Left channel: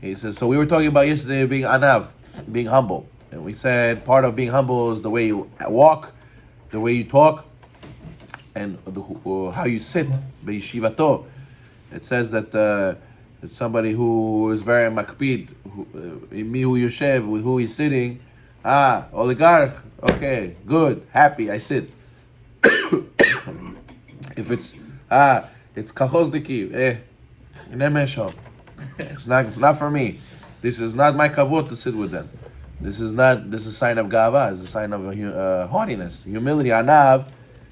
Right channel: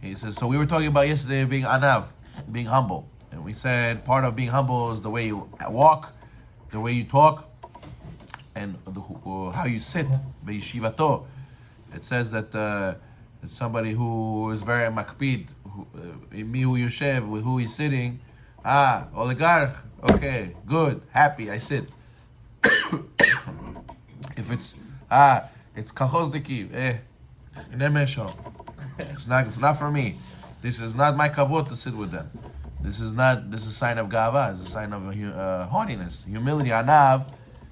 He says, so we were talking about yesterday being anav, being humble. And we said part of being humble is the way you walk, the way you talk, and how you sit. Be'yeshivato. It says that it's somebody who is very makpid, mihu yoshev, with who he's sitting. Oligarch, okay, good, happy, I sit. If it's kachozdiki, nemesho. It's not for me. This is not my kavod to sit with them. This is a sign of gava. It's a sign of haughtiness, humility. Anav,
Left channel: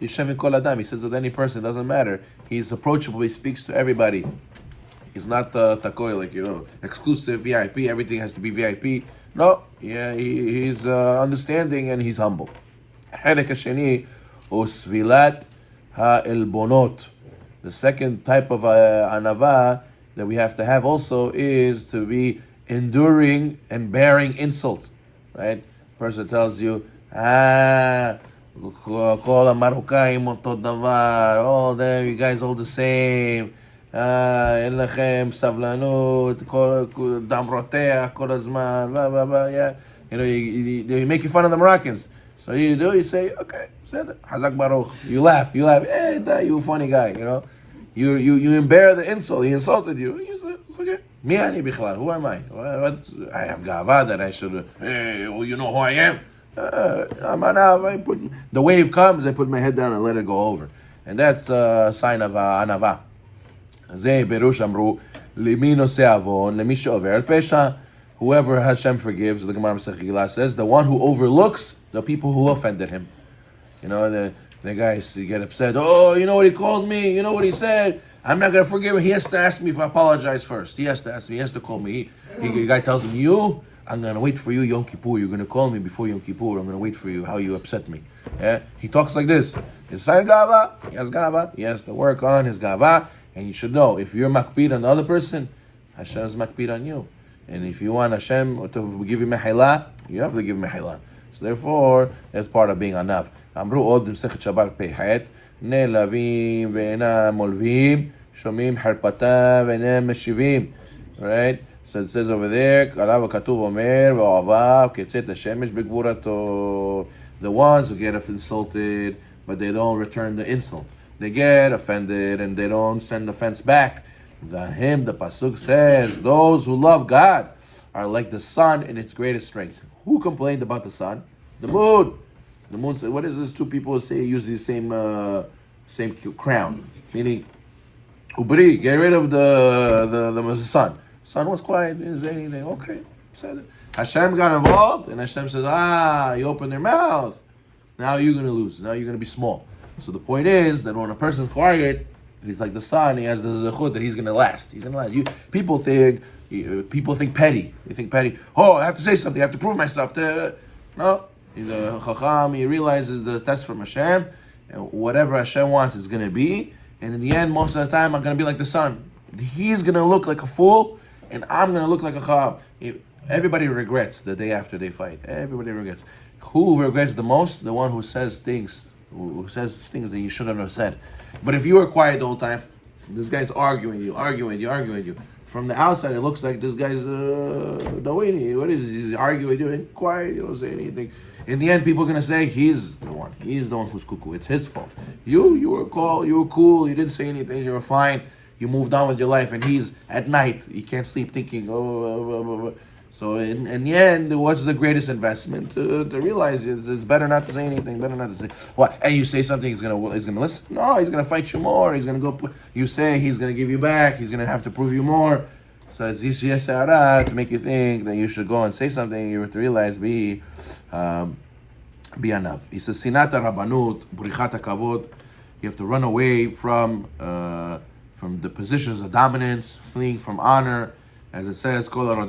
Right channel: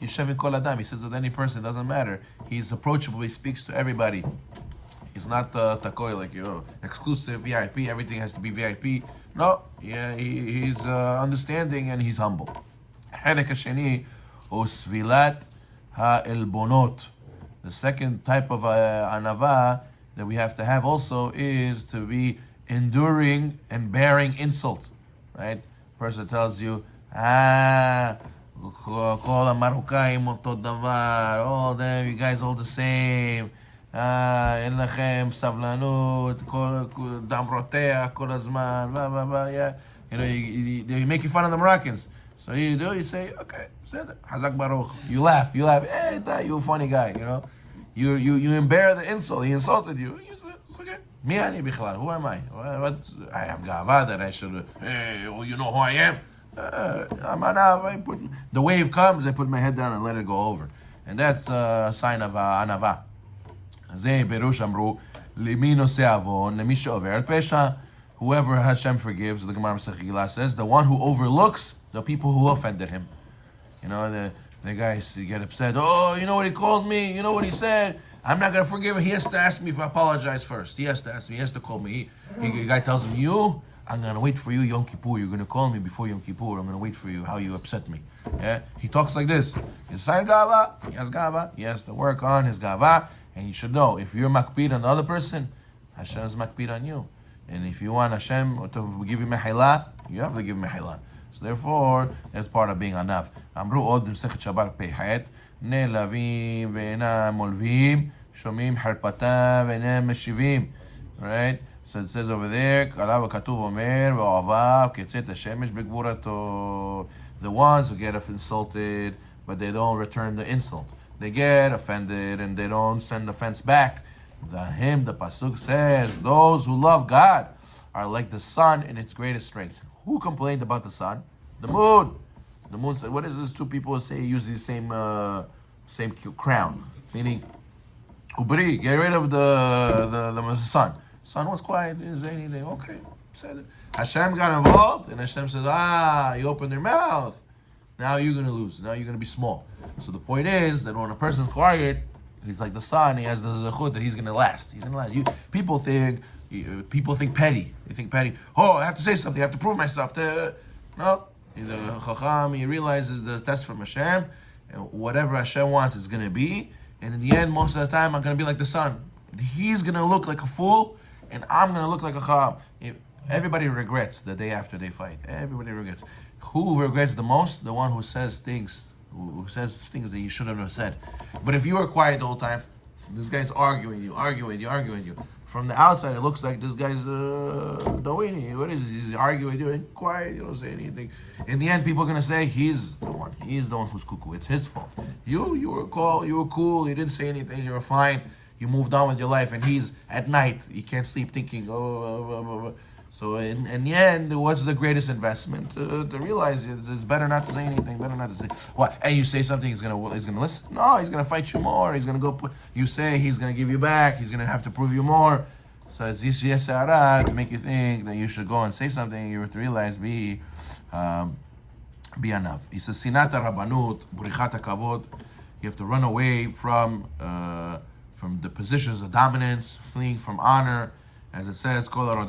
yishem kol adam. He says with any person, it doesn't matter. He's approachable. He speaks to everybody. He's not takoy, like, exclusive VIP. Everything has to be VIP. No, yeah, he's understanding and he's humble. Herek hasheni usvilat ha'elbonot. The second type of anava that we have to have also is to be enduring and bearing insult, right? Person tells you, כל המרוקאים אותו דבר, all them, you guys all the same, אין לכם סבלנות, דם רותח כל הזמן, blah, blah, blah, yeah. They make fun of the Moroccans. So you say, okay, Hazak Baruch. You laugh, hey, you a funny guy, You bear the insult. He insulted you. You say, okay. Mi ani bichlal. Who am I? What? I have gava that I should. Hey, well, you know who I am. I'm anav. The wave comes. I put my head down and let it go over, and that's a sign of anava. Ze berush amru limi nosei avon lemi she'over al pesha. Whoever Hashem forgives, the Gemara Masechet Gila says, the one who overlooks the people who offended him. The guys get upset. Oh, you know what he called me? You know what he said? I'm not going to forgive him. He has to ask me if I apologize first. He has to ask me. He has to call me. The guy tells him, I'm going to wait for you, Yom Kippur. You're going to call me before Yom Kippur. I'm going to wait for you, how you upset me. Yeah? He talks like this. His sign gava. He has gava. He has to work on his gava. And you should know, if you're makpid on the other person, Hashem is makpid on you. And if you want Hashem to give you mehila, you have to give mehila. So therefore, that's part of being anav. אמרו עוד במסכת שבת פ"ח, נעלבים ואינם מולבים, שומעים חרפתם ואינם משיבים. Right? So it says over there, עליו הכתוב אומר, ואוהביו כצאת השמש בגבורתו. The ones who get insulted, but they don't return the insult. They get offended and they don't send offense back. The pasuk says, those who love God are like the sun in its greatest strength. Who complained about the sun? The moon. The moon said, what is this? Two people use the same crown. Meaning, ubri, get rid of the sun. Sun was quiet, didn't say anything. Okay, said it. Hashem got involved, and Hashem says, you open their mouth. Now you're going to lose. Now you're going to be small. So the point is that when a person's quiet, he's like the sun, he has the zechut that he's going to last. He's going to last. People think petty. They think petty. Oh, I have to say something. I have to prove myself. No. He's a chacham. He realizes the test from Hashem, and whatever Hashem wants is going to be. And in the end, most of the time, I'm going to be like the sun. He's going to look like a fool, and I'm going to look like a chacham. Everybody regrets the day after they fight. Everybody regrets. Who regrets the most? The one who says things that you shouldn't have said. But if you were quiet the whole time, this guy's arguing you. From the outside, it looks like this guy's what is this? He's arguing, doing quiet, you don't say anything. In the end, people are gonna say he's the one who's cuckoo. It's his fault. You were cool, you didn't say anything, you were fine, you moved on with your life, and he's at night, he can't sleep thinking, So in the end, what's the greatest investment? To realize it's better not to say anything, better not to say what. And you say something, he's gonna listen. No, he's gonna fight you more. He's gonna go. You say he's gonna give you back. He's gonna have to prove you more. So it's yisiyasara to make you think that you should go and say something. You have to realize be anav. He says sinata rabanut burichat kavod. You have to run away from the positions of dominance, fleeing from honor. As it says, whoever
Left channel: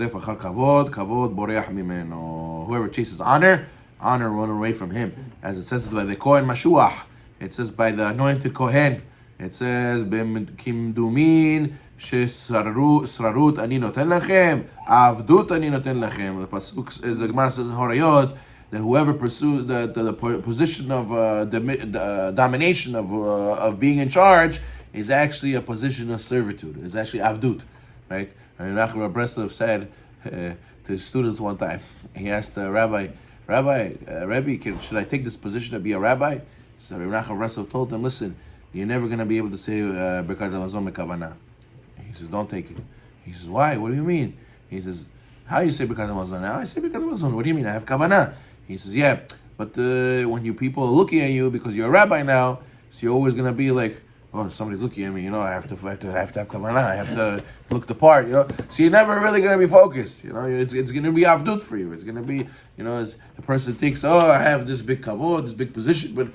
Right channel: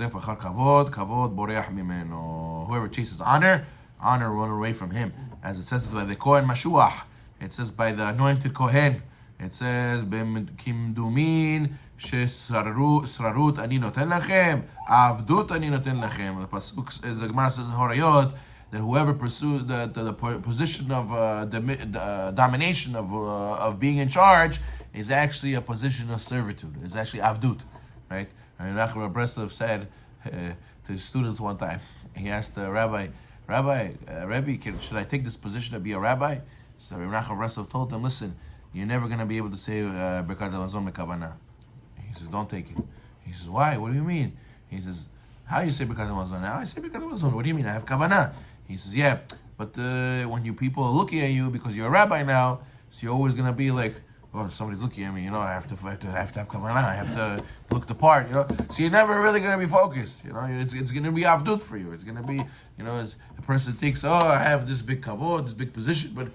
chases honor, run away from him. As it says by the Kohen Mashuach, it says by the anointed Kohen, it says, Kimdumin, Srarut ani noten lachem, Avdut ani noten lachem. The Pasuk, the Gemara says in Horayot, that whoever pursues the position of the domination of being in charge is actually a position of servitude. It's actually Avdut. Right? And Nachman Breslov said to his students one time, he asked the rabbi, Rebbe, should I take this position to be a rabbi? So Nachman Breslov told him, listen, you're never going to be able to say Birkat Hamazon Mekavana. He says, don't take it. He says, why? What do you mean? He says, how you say Birkat Hamazon? Now I say Birkat Hamazon. What do you mean? I have Kavana. He says, yeah, but when you people are looking at you because you're a rabbi now, so you're always going to be like, oh, somebody's looking at me, I have to have kavanah, I have to look the part, So you're never really going to be focused, It's going to be avdut for you. It's going to be, as a person thinks, oh, I have this big kavod, this big position, but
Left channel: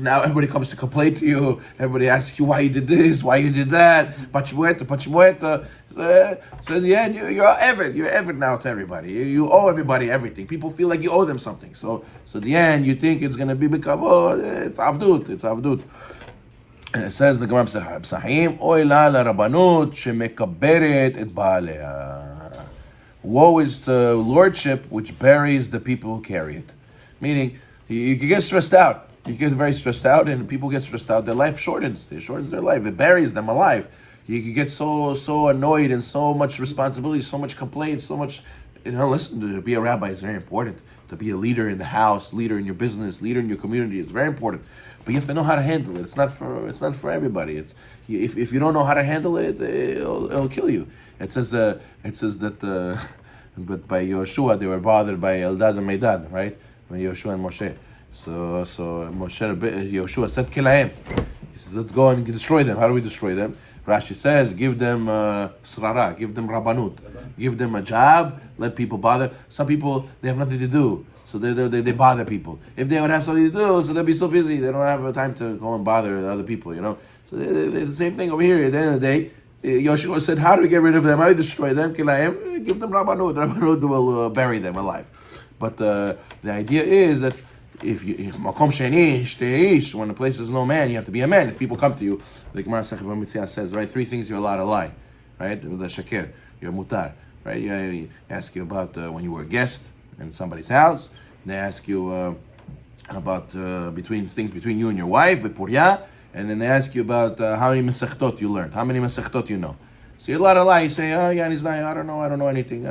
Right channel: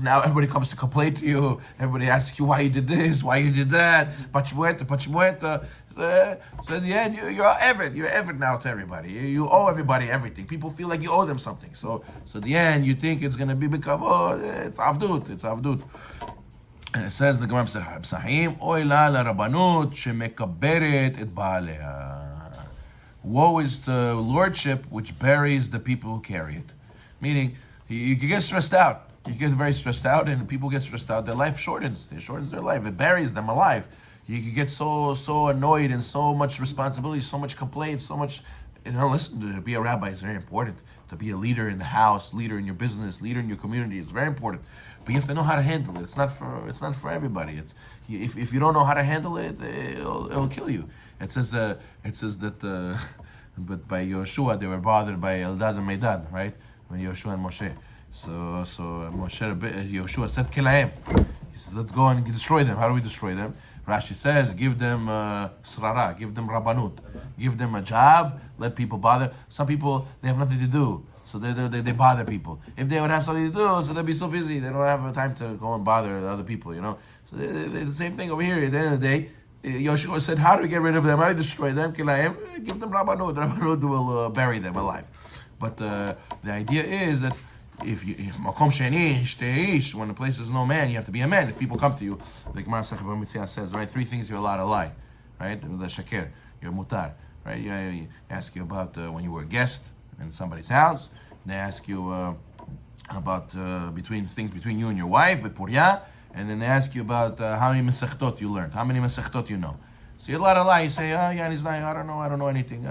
now everybody comes to complain to you. Everybody asks you why you did this, why you did that, pachimueta. So in the end, you're Eved. You're Eved now to everybody. You owe everybody everything. People feel like you owe them something. So in the end, you think it's going to be big kavod. It's avdut. It says the Gemara Psachim, Oy la larabanut shemekaberet et baalea. Woe is the lordship which buries the people who carry it. Meaning, you can get stressed out. You get very stressed out, and people get stressed out. Their life shortens. It shortens their life. It buries them alive. You can get so annoyed and so much responsibility, so much complaint, so much. Listen, to be a rabbi is very important. To be a leader in the house, leader in your business, leader in your community is very important. But you have to know how to handle it. It's not for everybody. If you don't know how to handle it, it'll kill you. It says that but by Yoshua they were bothered by Eldad and Medad, right? By Yoshua and Moshe. So Yoshua said Kilaim. He says, let's go and destroy them. How do we destroy them? Rashi says, give them srara, give them rabbanut, give them a job, let people bother. Some people, they have nothing to do, so they bother people. If they would have something to do, so they'll be so busy, they don't have time to go and bother other people, So they're the same thing over here. At the end of the day, Yoshua said, how do we get rid of them? How do we destroy them? Kilayim, give them rabbanut. Rabbanut will bury them alive. But the idea is that if makom sheni shteish, when the place is no man, you have to be a man. If people come to you, the Gemara Sechah Bamitzia says, right, 3 things you're allowed to lie, right? The shakir, you're mutar, right? You ask you about when you were a guest in somebody's house. They ask you about things between you and your wife, bepurya, and then they ask you about how many mesechtot you learned, how many mesechtot you know. So you're allowed to lie. You say, oh yeah, he's lying. I don't know anything.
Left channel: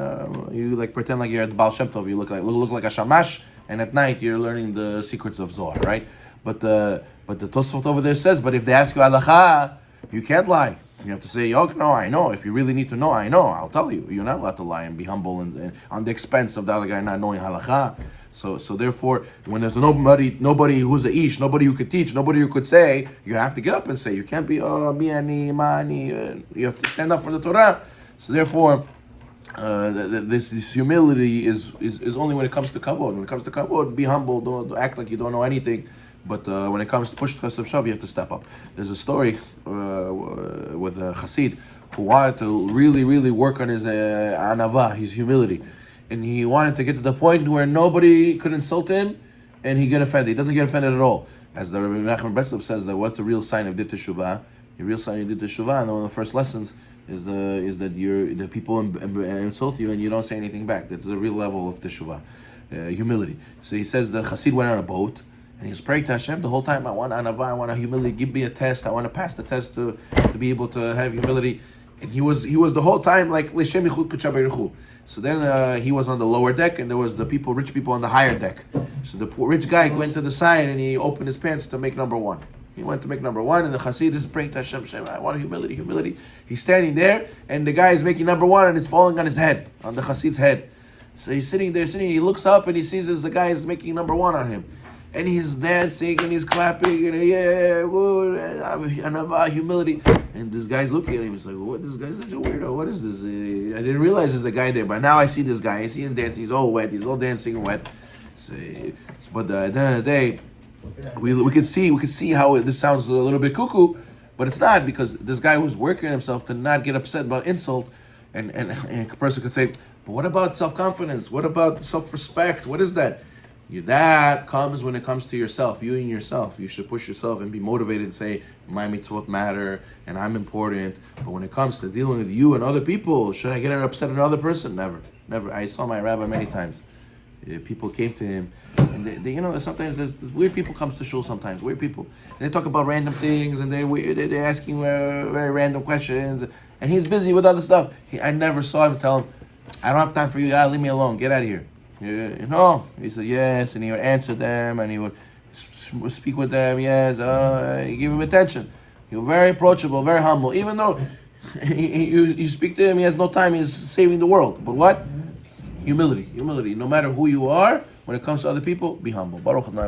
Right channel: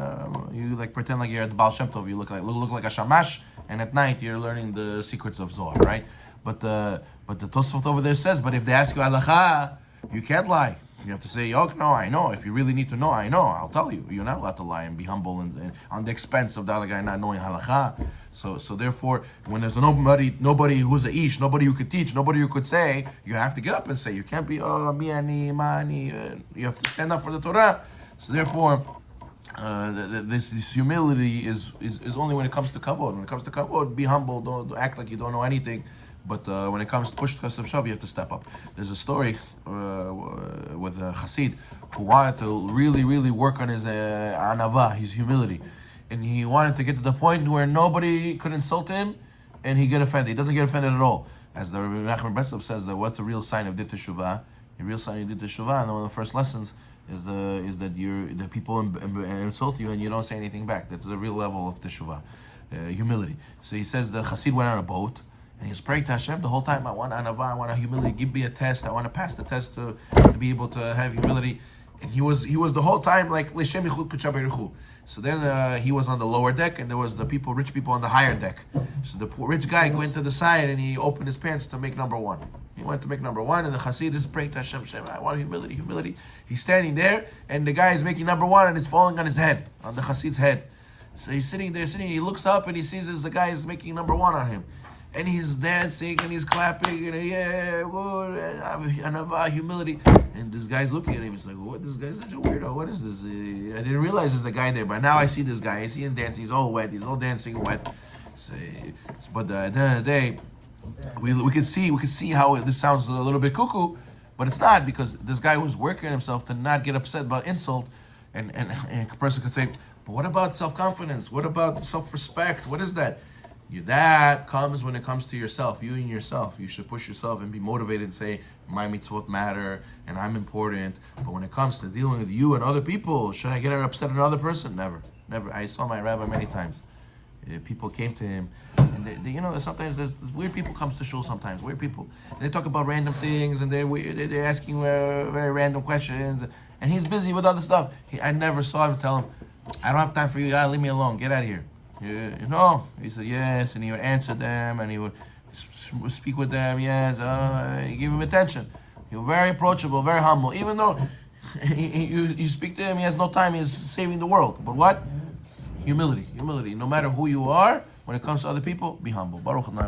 You like pretend like you're at the Baal Shem Tov. You look like a shamash. And at night you're learning the secrets of Zohar, right? But the Tosfot over there says, but if they ask you halacha, you can't lie. You have to say, oh no, I know. If you really need to know, I know. I'll tell you. You're not allowed to lie and be humble and on the expense of the other guy not knowing halacha. So therefore, when there's nobody who's a ish, nobody who could teach, nobody who could say, you have to get up and say. You can't be miani mani. You have to stand up for the Torah. So therefore, this humility is only when it comes to kavod. When it comes to kavod, be humble. Don't act like you don't know anything. But when it comes to push chesed shav, you have to step up. There's a story with a chassid who wanted to really work on his anava, his humility, and he wanted to get to the point where nobody could insult him, and he get offended. He doesn't get offended at all. As the Rabbi Nachman Breslov says, that what's the real sign of dit teshuvah? The real sign of dit teshuvah, and one of the first lessons is that the people insult you and you don't say anything back. That's the real level of teshuvah, humility. So he says the chassid went on a boat and he was praying to Hashem the whole time. I want anava, I want humility. Give me a test. I want to pass the test to be able to have humility. And he was the whole time like l'shem yichud k'chaberuchu. So then he was on the lower deck, and there was the rich people on the higher deck. So the poor rich guy went to the side and he opened his pants to make number 1. He went to make number 1, and the chassid is praying to Hashem, I want humility. He's standing there, and the guy is making number 1, and it's falling on his head, on the chassid's head. So he's sitting there, he looks up, and he sees as the guy is making number 1 on him. And he's dancing, and he's clapping, and anava, humility. And this guy's looking at him, he's like, what, this guy's such a weirdo, what is this? I didn't realize there's a guy there, but now I see this guy, I see him dancing, he's all wet, he's all dancing wet. So, but at the end of the day, we can see how this sounds a little bit cuckoo, but it's not, because this guy was working himself to not get upset about insult, and a person could say, but what about self-confidence? What about self-respect? What is that? That comes when it comes to yourself, you and yourself. You should push yourself and be motivated and say, my mitzvot matter and I'm important. But when it comes to dealing with you and other people, should I get upset at another person? Never. I saw my rabbi many times. people came to him, and they sometimes there's weird people comes to shul. Sometimes weird people, and they talk about random things, and they're asking very random questions, and he's busy with other stuff. I never saw him tell him, "I don't have time for you. Leave me alone. Get out of here." He said yes, and he would answer them, and he would speak with them. Yes, he gave him attention. He was very approachable, very humble, even though you speak to him, he has no time. He's saving the world. But what? Humility. No matter who you are, when it comes to other people, be humble. Baruch Adonai.